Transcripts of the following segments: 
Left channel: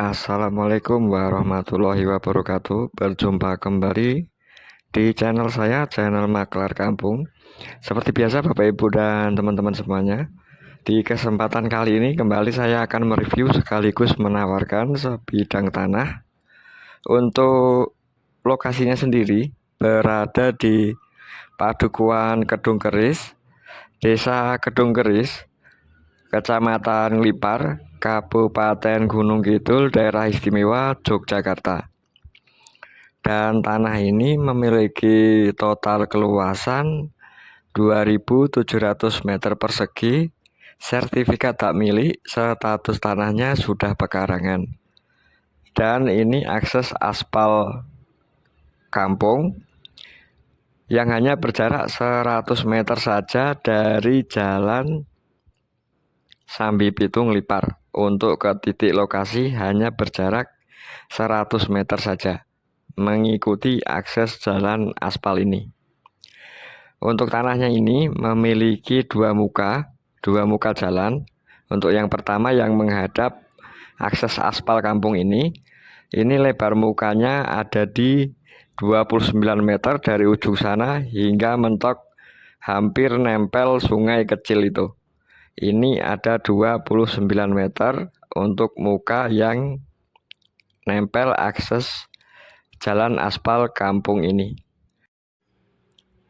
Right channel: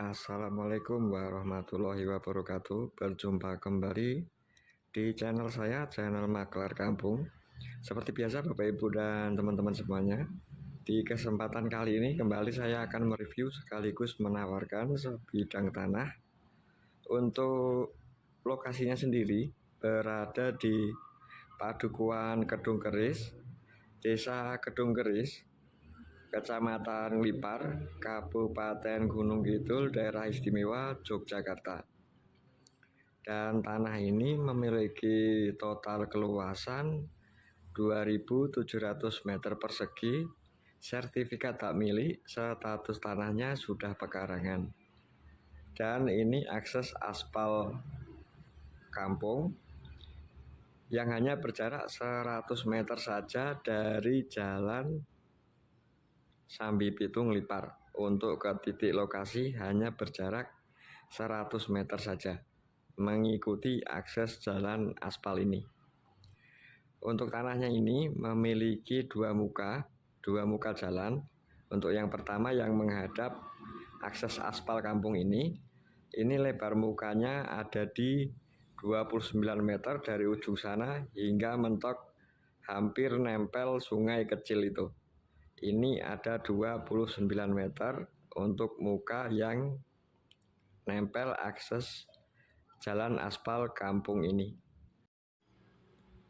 Assalamualaikum warahmatullahi wabarakatuh. Berjumpa kembali di channel saya, channel Maklar Kampung. Seperti biasa Bapak Ibu dan teman-teman semuanya, di kesempatan kali ini kembali saya akan mereview sekaligus menawarkan sebidang tanah. Untuk lokasinya sendiri berada di Padukuan Kedung Keris, Desa Kedung Keris, Kecamatan Lipar, Kabupaten Gunung Kidul, Daerah Istimewa Yogyakarta. Dan tanah ini memiliki total keluasan 2.700 meter persegi, sertifikat hak milik, status tanahnya sudah pekarangan. Dan ini akses aspal kampung yang hanya berjarak 100 meter saja dari jalan Sambi Pitung Lipar. Untuk ke titik lokasi hanya berjarak 100 meter saja, mengikuti akses jalan aspal ini. Untuk tanahnya ini memiliki dua muka jalan. Untuk yang pertama yang menghadap akses aspal kampung ini lebar mukanya ada di 29 meter dari ujung sana hingga mentok hampir nempel sungai kecil itu. Ini ada 29 meter untuk muka yang nempel akses jalan aspal kampung ini.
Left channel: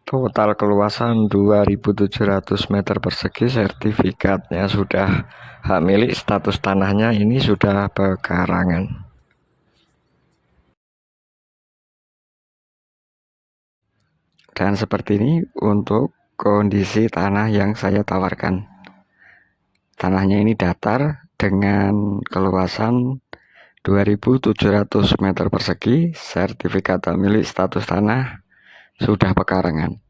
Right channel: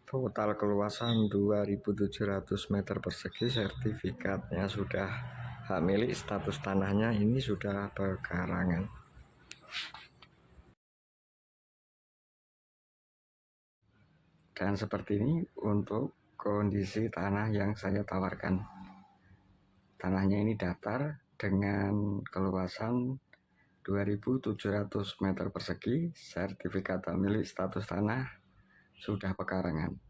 Total keluasan 2.700 meter persegi, sertifikatnya sudah hak milik, status tanahnya ini sudah pekarangan. Dan seperti ini untuk kondisi tanah yang saya tawarkan. Tanahnya ini datar dengan keluasan 2.700 meter persegi, sertifikat hak milik, status tanah sudah pekarangan.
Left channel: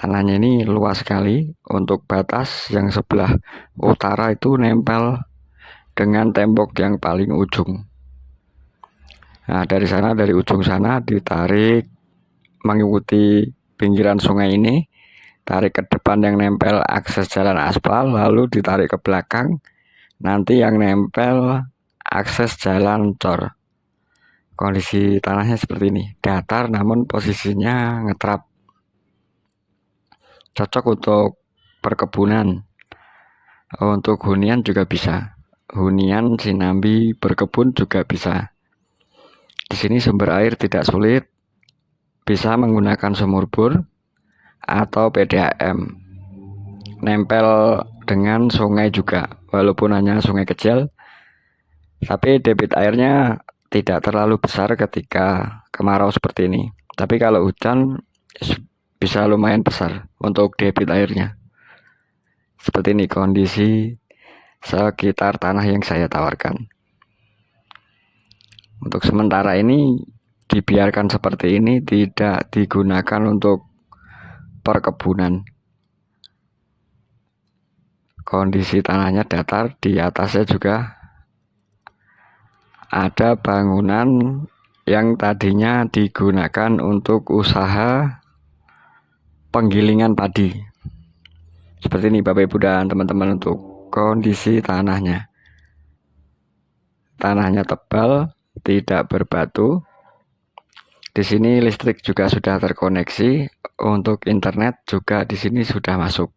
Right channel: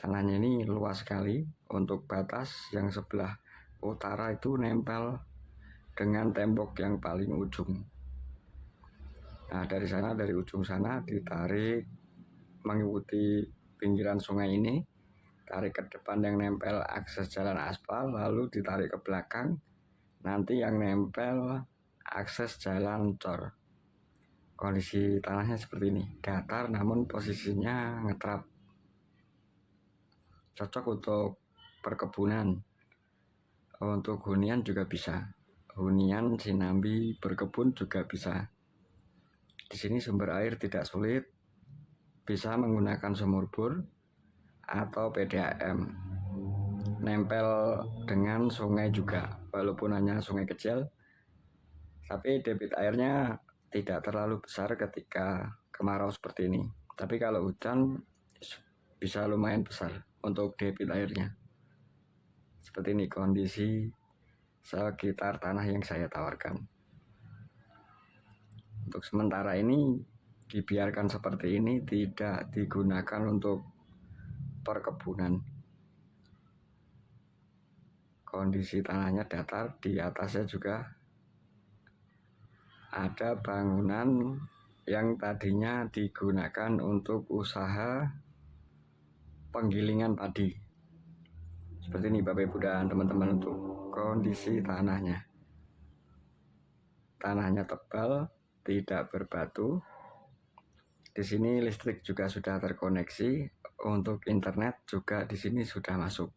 Tanahnya ini luas sekali. Untuk batas yang sebelah utara itu nempel dengan tembok yang paling ujung. Nah, dari ujung sana ditarik mengikuti pinggiran sungai ini, tarik ke depan yang nempel akses jalan aspal, lalu ditarik ke belakang, nanti yang nempel akses jalan cor. Kondisi tanahnya seperti ini, datar namun posisinya ngetrap, cocok untuk perkebunan. Untuk hunian juga bisa, hunian sinambi berkebun juga bisa. Di sini sumber air tidak sulit, bisa menggunakan sumur bor atau PDAM. Nempel dengan sungai juga, walaupun hanya sungai kecil, tapi debit airnya tidak terlalu besar ketika kemarau seperti ini. Tapi kalau hujan bisa lumayan besar untuk debit airnya. Seperti ini kondisi sekitar tanah yang saya tawarkan. Untuk sementara ini dibiarkan seperti ini, tidak digunakan untuk perkebunan. Kondisi tanahnya datar, di atasnya juga ada bangunan yang tadinya digunakan untuk usaha penggilingan padi. Seperti ini Bapak Ibu dan teman-teman untuk kondisi tanahnya. Tanahnya tebal, tidak berbatu. Di sini listrik juga sudah terkoneksi, untuk internet juga di sini sudah masuk.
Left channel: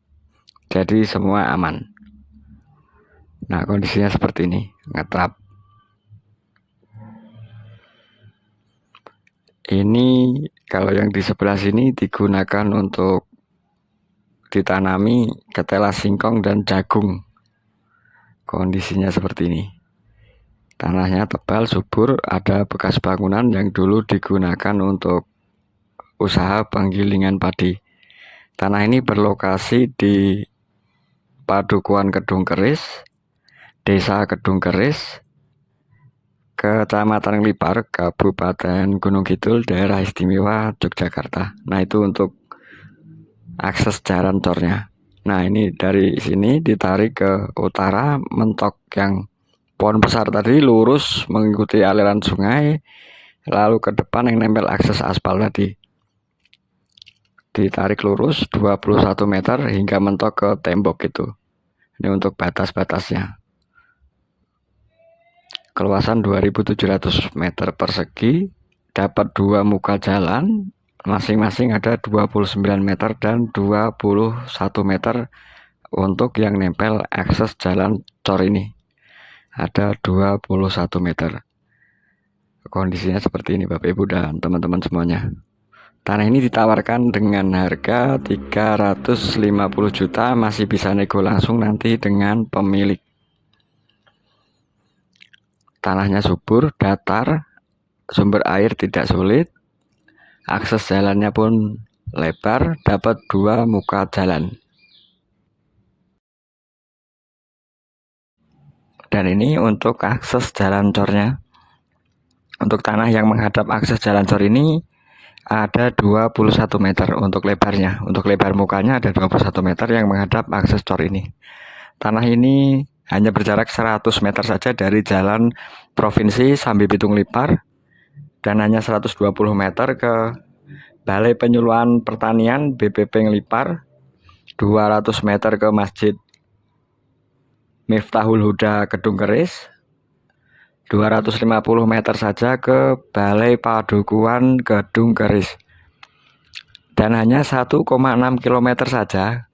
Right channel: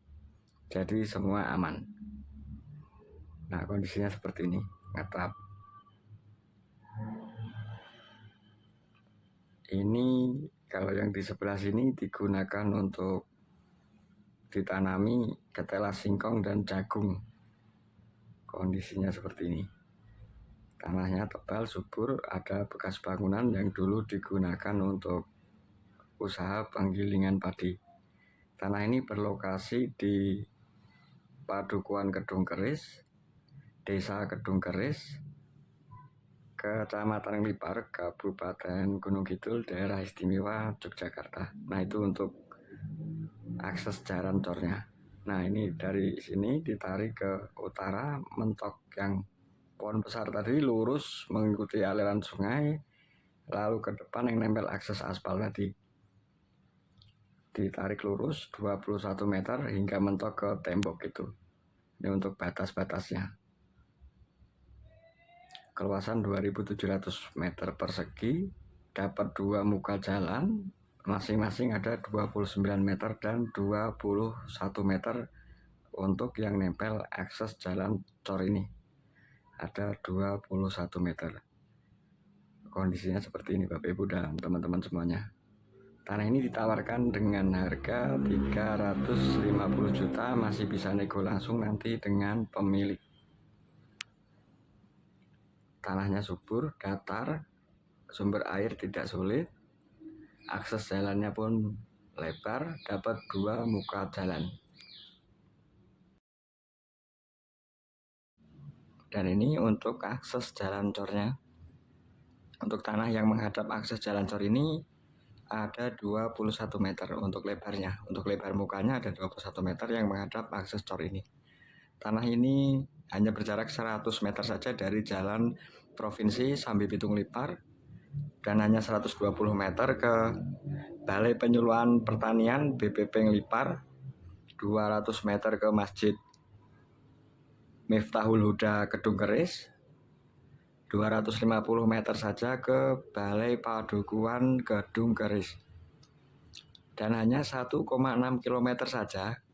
Jadi semua aman. Nah, kondisinya seperti ini, ngetrap. Ini kalau yang di sebelah sini digunakan untuk ditanami ketela singkong dan jagung. Kondisinya seperti ini. Tanahnya tebal, subur, ada bekas bangunan yang dulu digunakan untuk usaha penggilingan padi. Tanah ini berlokasi di Padukuan Kedung Keris, Desa Kedung Keris, Kecamatan Lipar, Kabupaten Gunung Kidul, Daerah Istimewa Yogyakarta. Nah, itu untuk akses jalan tornya. Nah, ini dari sini ditarik ke utara, mentok yang pohon besar tadi, lurus mengikuti aliran sungai, lalu ke depan yang nempel akses aspal tadi. Ditarik lurus 21 meter hingga mentok ke tembok itu. Ini untuk batas-batasnya. keluasan 2700 meter persegi, dapat 2 muka jalan, masing-masing ada 29 meter dan 21 meter untuk yang nempel akses jalan cor ini. Ada 21 meter. Kondisinya seperti ini Bapak Ibu dan teman-teman semuanya. Tanah ini ditawarkan dengan harga 350 juta, masih bisa nego langsung nanti dengan pemilik. Tanahnya subur, datar, sumber air tidak sulit, akses jalannya pun lebar, dapat 2 muka jalan. Dan ini untuk akses jalan cornya. Untuk tanah yang menghadap akses jalan cor ini ada 21 meter untuk lebarnya. Untuk lebar mukanya ada 21 meter yang menghadap akses cor ini. Tanah ini hanya berjarak 100 meter saja dari jalan provinsi Sambi Pitung Lipar dan hanya 120 meter ke Balai Penyuluhan Pertanian BPP Ngelipar, 200 meter ke Masjid Miftahul Huda Kedung Keris, 250 meter saja ke Balai Padukuhan Kedung Keris. Dan hanya 1,6 km saja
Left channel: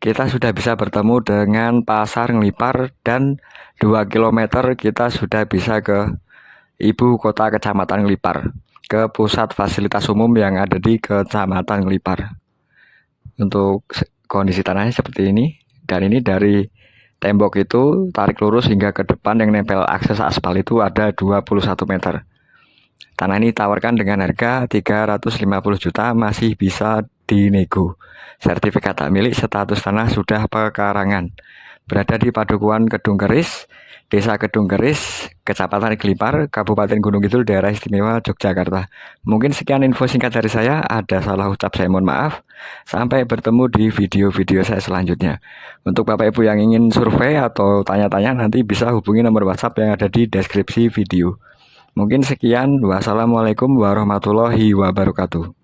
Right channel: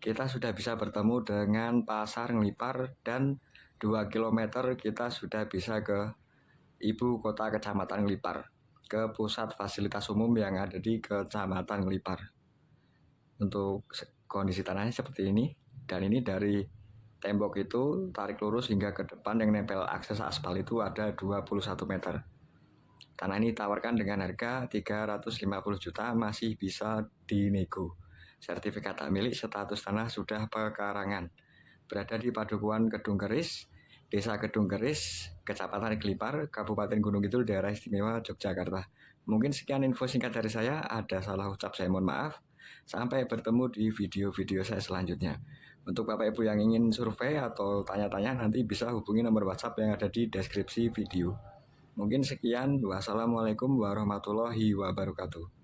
kita sudah bisa bertemu dengan Pasar Ngelipar dan 2 km kita sudah bisa ke ibu kota Kecamatan Ngelipar, ke pusat fasilitas umum yang ada di Kecamatan Ngelipar. Untuk kondisi tanahnya seperti ini, dan ini dari tembok itu tarik lurus hingga ke depan yang nempel akses aspal itu ada 21 meter. Tanah ini ditawarkan dengan harga 350 juta, masih bisa dinego. Sertifikat hak milik, status tanah sudah pekarangan. Berada di Padukuhan Kedung Keris, Desa Kedung Keris, Kecamatan Ngelipar, Kabupaten Gunung Kidul, Daerah Istimewa Yogyakarta. Mungkin sekian info singkat dari saya, ada salah ucap saya mohon maaf. Sampai bertemu di video-video saya selanjutnya. Untuk Bapak Ibu yang ingin survei atau tanya-tanya, nanti bisa hubungi nomor WhatsApp yang ada di deskripsi video. Mungkin sekian, wassalamualaikum warahmatullahi wabarakatuh.